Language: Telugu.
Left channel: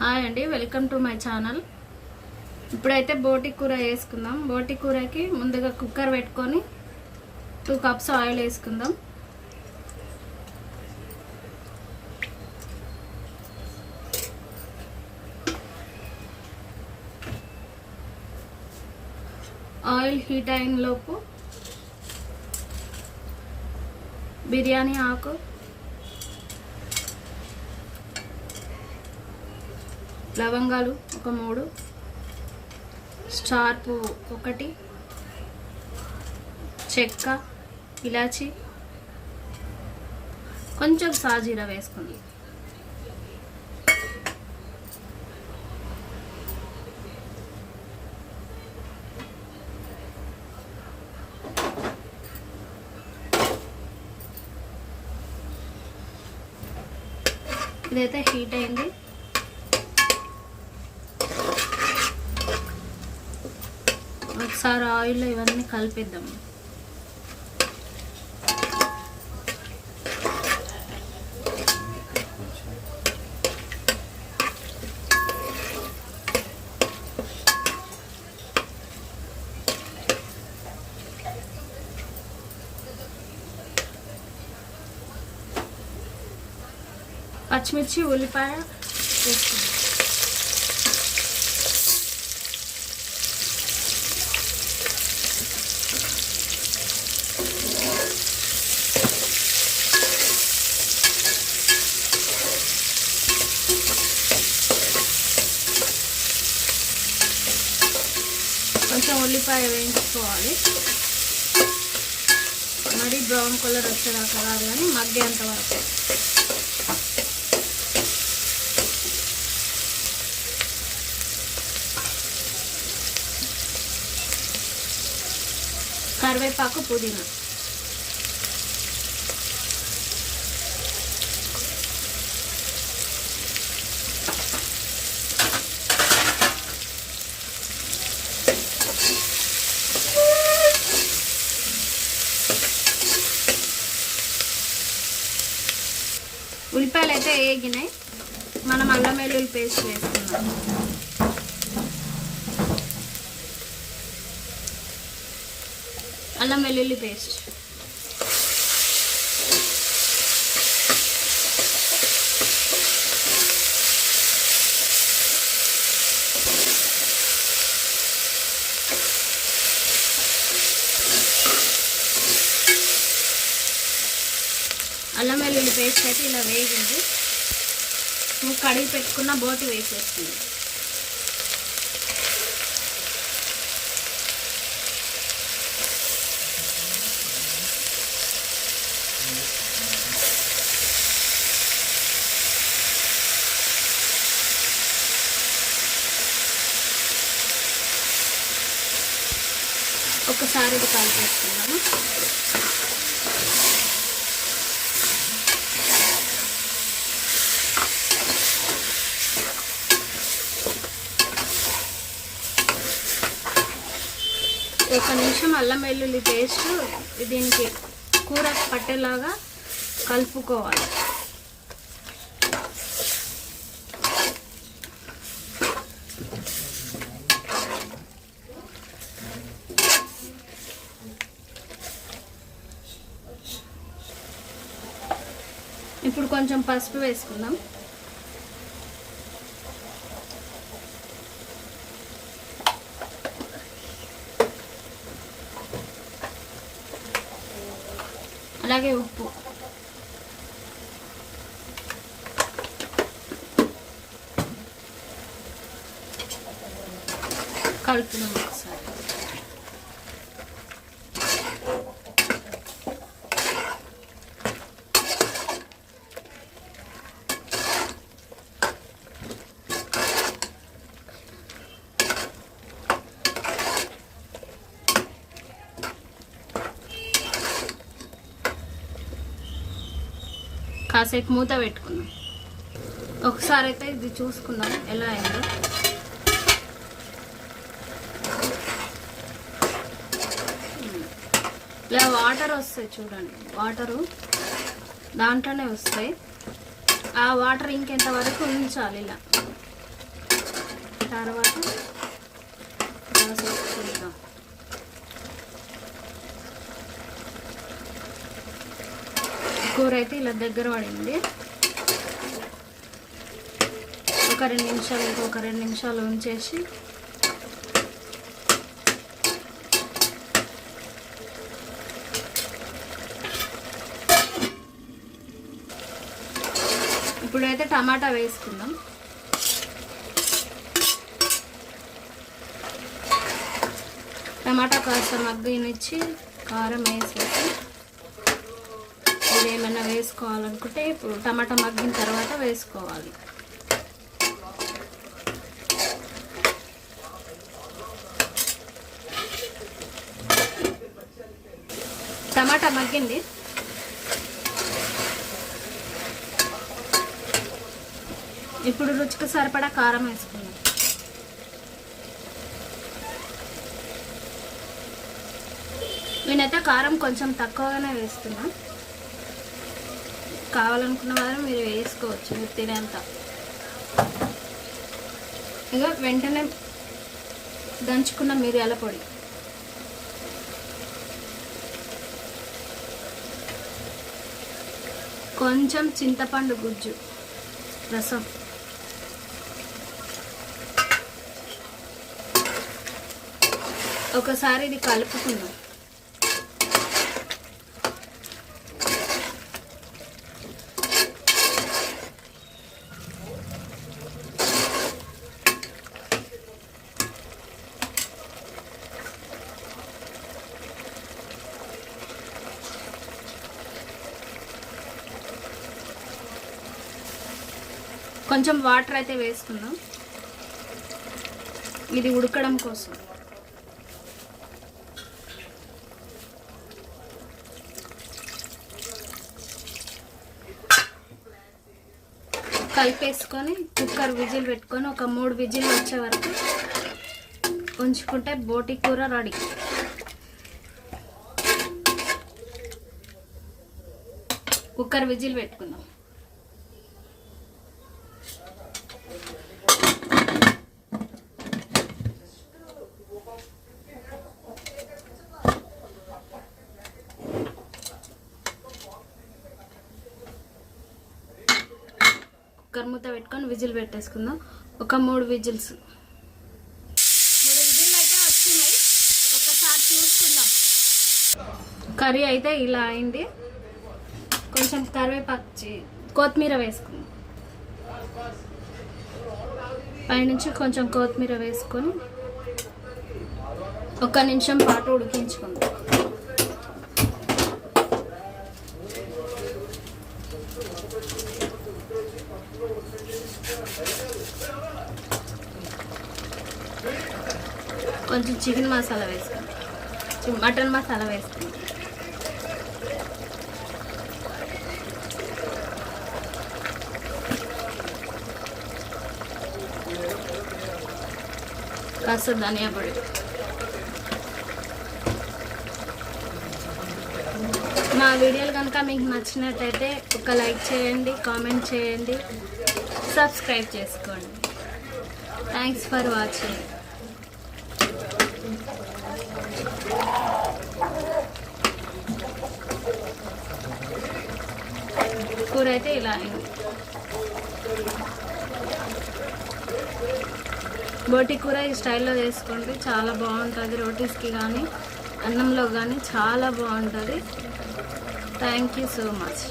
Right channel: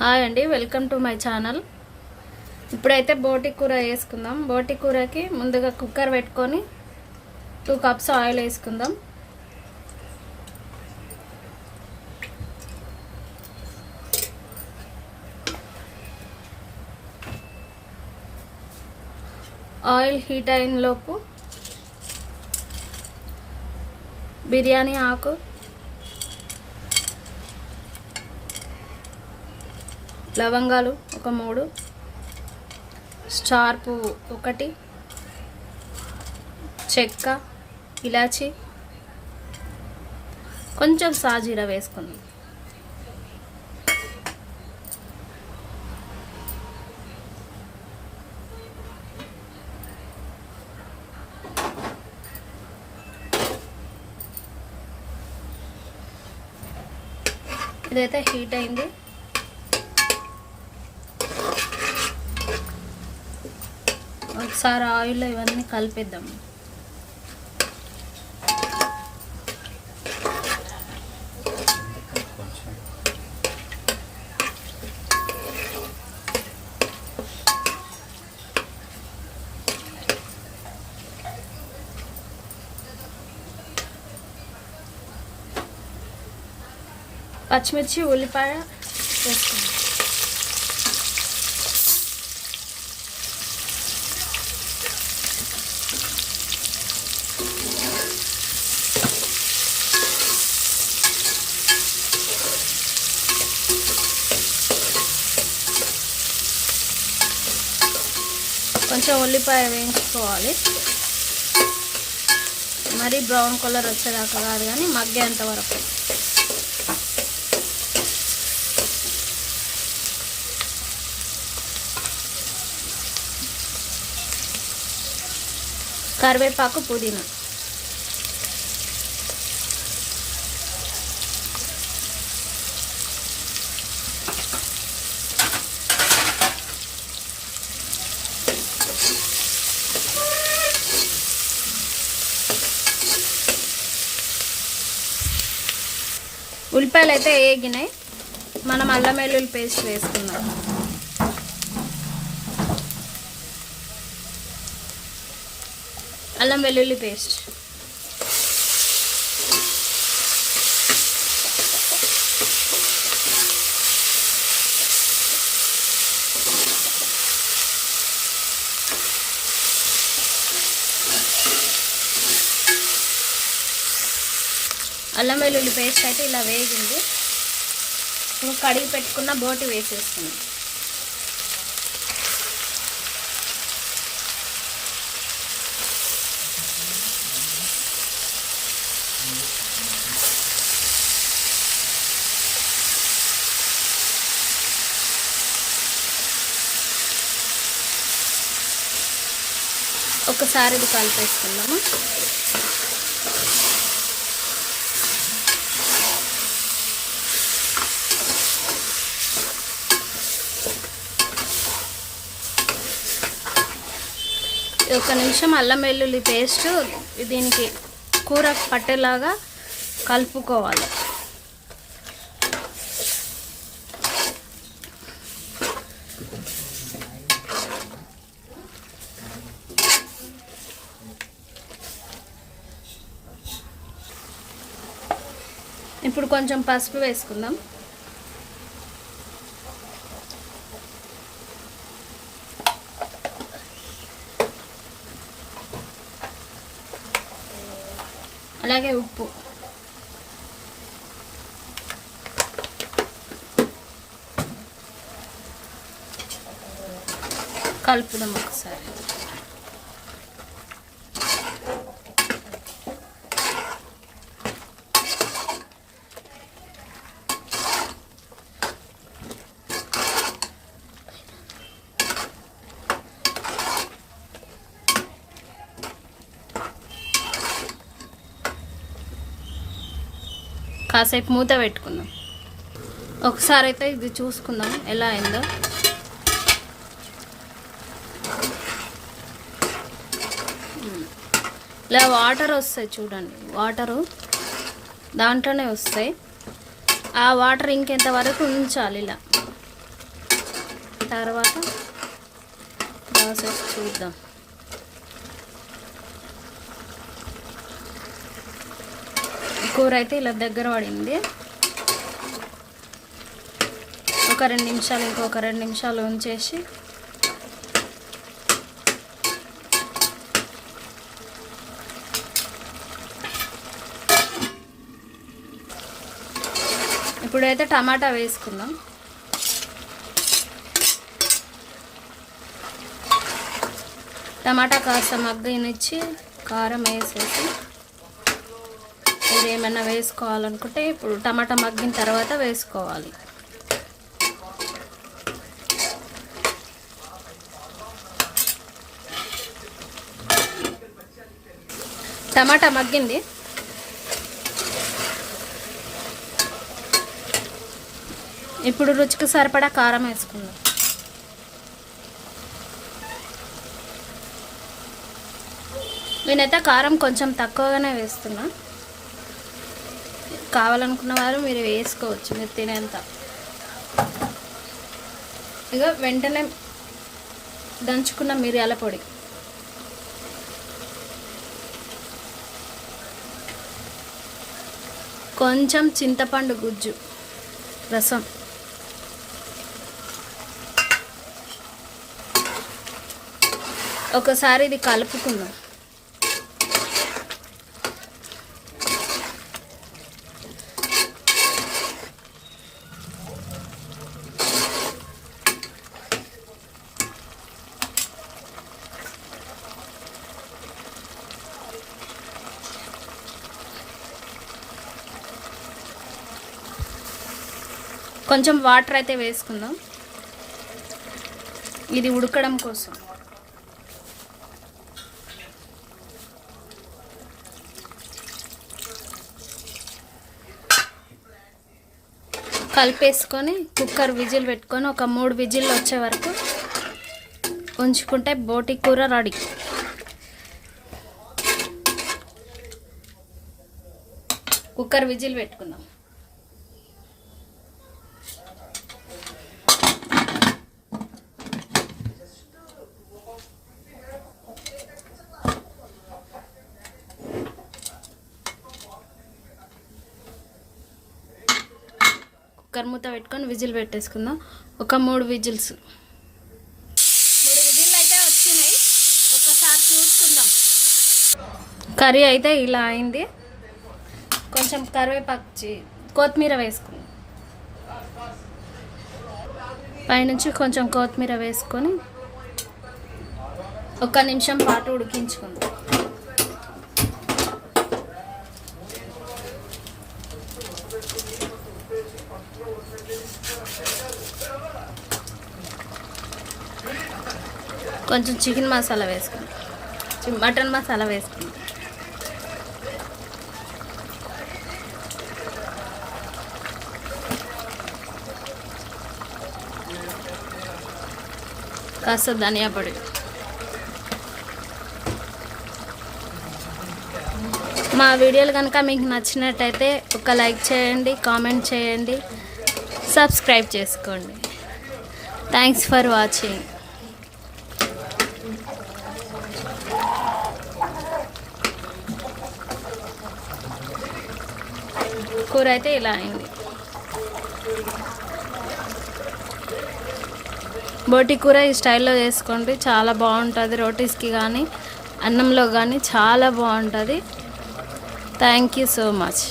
హాయ్ అండి, వెల్కమ్ టు మై ఛానల్. ఇప్పుడైతే బోటి కూర వేసుకుందాం. బోటి కూరకి ముందుగా కుక్కర్ పెట్టుకొని 2 కప్స్ ఆయిల్ వేసుకుందాం. ఆయిల్ హీట్ అయిన లోపు బిర్యానీ ఆకు, లవంగాలు ఒక 3, స్టార్ పువ్వు 1, చెక్క, ఇలాచి, కొంచెం సాజీరా వేసుకోండి. ఇదైతే హీట్ అయింది. ఒకసారి ఆయిల్లో ఇవన్నీ కలిపేద్దాం. పచ్చిమిర్చి, ఉల్లిపాయ వేసుకుందాం. కొంచెం ఉల్లిపాయ వేయించుకోవాలి. మరి బ్రౌన్ కలర్ వచ్చేదాకా కాదు, కానీ మగ్గేంత వరకు. కరివేపాకు, పుదీనా. ఉల్లిపాయలు అయితే వేగినాయి. మనం అల్లం వెల్లుల్లి పేస్ట్ వేసుకుందాం. అల్లం వెల్లుల్లి పేస్ట్, అల్లం వెల్లుల్లి పేస్ట్ అయితే ఇలా వేగింది. నువ్వు కడిగి పెట్టుకున్న బోటి వేసేస్తుంది. ఒకసారి ఇది కలిపేసుకున్నాము. ఒక నిమిషం అల్లం వెల్లుల్లి పేస్ట్ దీనికి కూర పట్టేలాగా కలుపుకోవాలి. ఇప్పుడు కొంచెం పసుపు వేసుకుందాం. అలాగే ఉప్పు. కలుపుదాం ఒకసారి. కాసేపు మూత పెట్టుకుందాం. ఒకసారి అయితే ఇది చూసుకుందాం ఎలా అయిందో. ఇలా వాటర్ వస్తాయి చూడండి, వాటరు దాంట్లోనే వస్తాయి. ఆ వాటర్ ఇంకెంత వరకు ఉంచాలి ఇలా. తర్వాత ప్రాసెస్ చూద్దాం. కూర అయితే ఇలా దగ్గర పడింది. ఒక 2 నిమిషాలు, ఇంకొక 2 నిమిషాలు ఉంచేసి ఇప్పుడైతే టమాటా వేసుకుందాం. టమాటా కాస్త మగ్గనిచ్చి కారం వేసేసి ఇది ఏమైనా వేసుకోవాలనుకుంటే ఇప్పుడు టమాటా మగ్గిన తర్వాత వేసుకోవాలి. టమాటా మగ్గింది. ఇప్పుడు రుచికి సరిపడా కారం వేసుకుందాం. నేనైతే కారం కొంచెం తక్కువగానే వేస్తున్నా. కావాలనుకున్న వారు మీరు వేసుకోవచ్చు, మీరు తినేంత. ఇక వెంటనే దంచుకున్న మిరియాల పొడి, కొంచెం చింతపండు గుజ్జు రసం, ఒకసారి ఇది కలుపుకుందాం. కొంచెం వాటర్ అయితే వేసుకుందాం, ఇది ఉడకడం కోసం. కలిపేసుకొని కుక్కర్ విజిల్ పెట్టుకొని ఒక 3 విజిల్ వచ్చే వరకు ఉంచుకుంటే బోటి కూర రెడీ. కుక్కర్ విజిల్ పెట్టుకుందాం. కుక్కర్ మూత పెట్టుకొని విజిల్ పెట్టేసుకుందాం. ఒక 3 విజిల్స్. 3 విజిల్ అయితే వచ్చినాయి. ఒకసారి చూసుకుందాం. కర్రీ అయితే ఇలా అయింది. కొంచెం కరివేపాకు, కొత్తిమీర వేసుకుందాం. పైనుంచి కొంచెం కొత్తిమీర వేసుకొని 1 నిమిషం పాటు ఉడికించుకుందాం. కొంచెం చికెన్ మసాలా వేసుకుందాం, మటన్ మసాలా వేసుకుందాం. కాస్త ధనియా పొడి. మా వీడియోలు కనుక మీకు నచ్చినట్టయితే ఒక లైక్ చేయండి, కామెంట్ చేయండి, సబ్స్క్రైబ్ చేసుకోండి. Thanks for watching. కూర అయితే ఇలా అయింది. బోటి కూర ఈ స్టైల్లో చేసుకోండి, చాలా బాగుంటుంది. రోటీస్కి కానీ అన్నంలో కానీ చాలా బాగుంటుంది. Thank you so much.